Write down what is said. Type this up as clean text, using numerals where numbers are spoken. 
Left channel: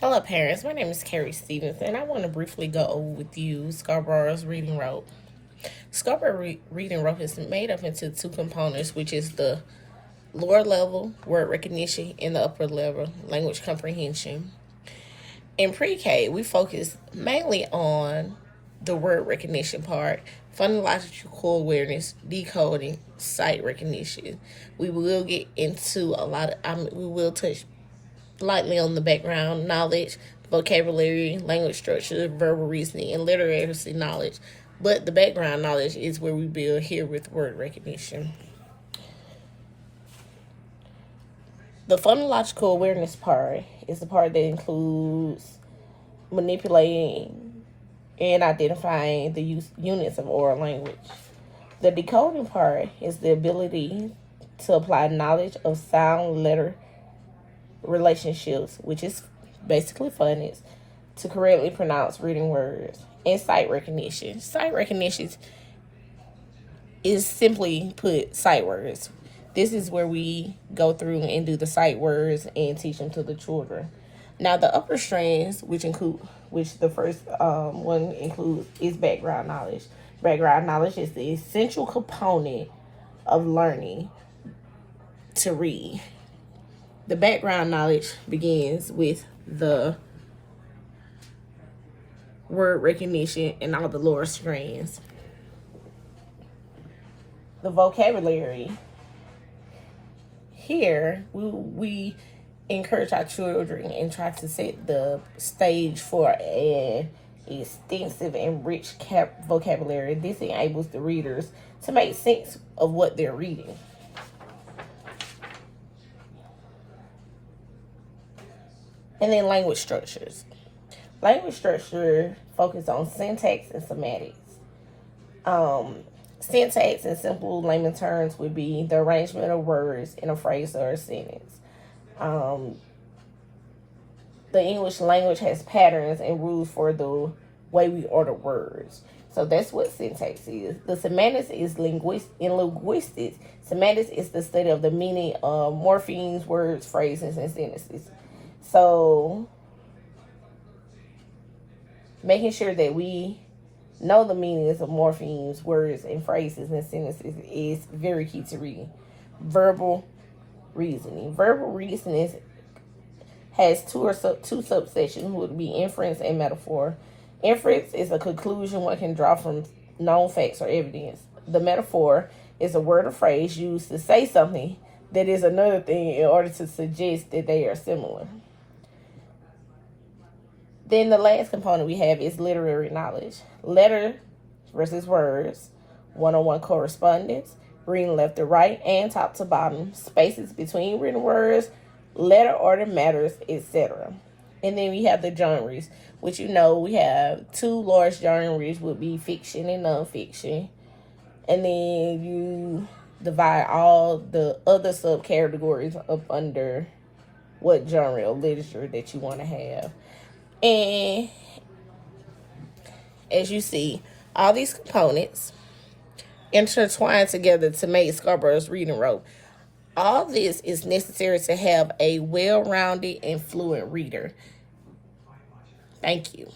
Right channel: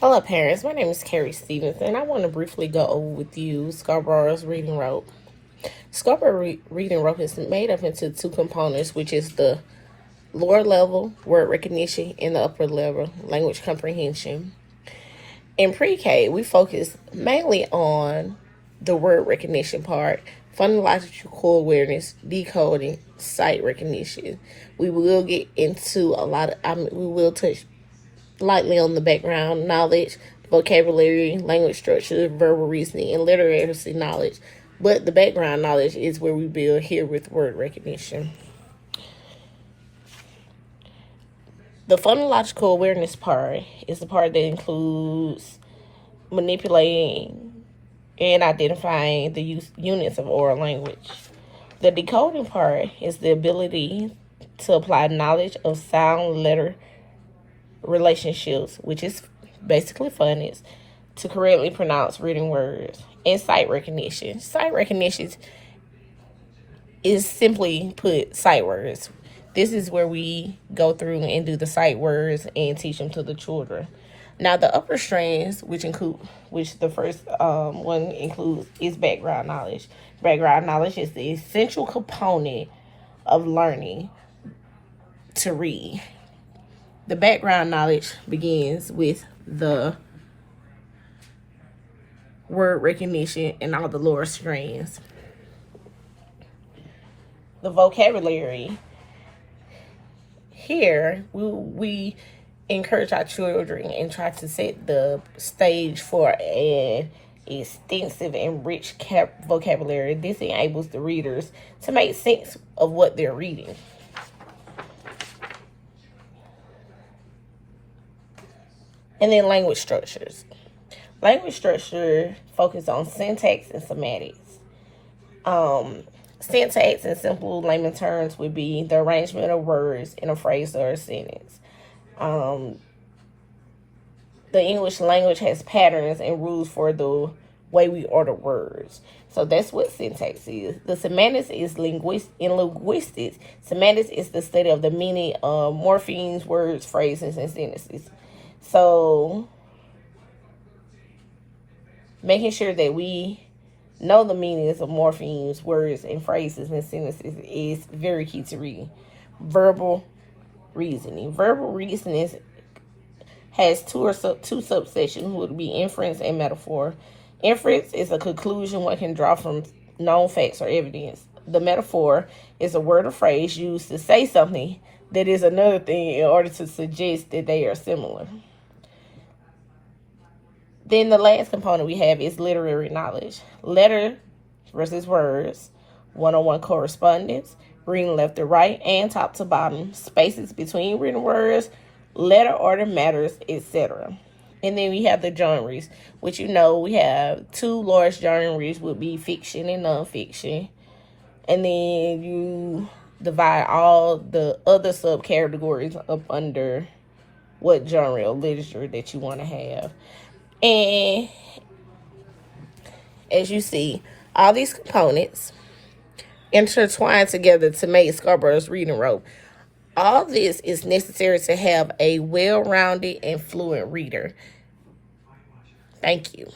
Hello, parents. My name is Carrie Stevens, and I want to briefly go over with you Scarborough's reading rope. Reading rope is made up into two components, which is the lower level word recognition and the upper level language comprehension. In pre-K, we focus mainly on the word recognition part, phonological awareness, decoding, sight recognition. We will get into we will touch lightly on the background knowledge, vocabulary, language structure, verbal reasoning, and literacy knowledge. But the background knowledge is where we build here with word recognition. The phonological awareness part is the part that includes manipulating and identifying the units of oral language. The decoding part is the ability to apply knowledge of sound letter relationships, which is basically phonics, to correctly pronounce written words. And sight recognition. Sight recognition is simply put sight words. This is where we go through and do the sight words and teach them to the children. Now the upper strands, which the first one includes, is background knowledge. Background knowledge is the essential component of learning to read. The background knowledge begins with the word recognition and all the lower strands. The vocabulary. Here, we encourage our children and try to set the stage for an extensive and rich vocabulary. This enables the readers to make sense of what they're reading. And then language structures. Language structure focuses on syntax and semantics. Syntax in simple layman terms would be the arrangement of words in a phrase or a sentence. The English language has patterns and rules for the way we order words. So that's what syntax is. The semantics is in linguistics. Semantics is the study of the meaning of morphemes, words, phrases, and sentences. So making sure that we know the meanings of morphemes, words, and phrases and sentences is very key to reading. Verbal reasoning. Verbal reasoning has two subsections, would be inference and metaphor. Inference is a conclusion one can draw from known facts or evidence. The metaphor is a word or phrase used to say something that is another thing in order to suggest that they are similar. Then the last component we have is literary knowledge. Letter versus words, one-on-one correspondence, reading left to right and top to bottom, spaces between written words, letter order matters, etc. And then we have the genres, which we have two large genres would be fiction and nonfiction. And then you divide all the other subcategories up under what genre of literature that you want to have. And as you see, all these components intertwine together to make Scarborough's reading rope. All this is necessary to have a well-rounded and fluent reader. Thank you.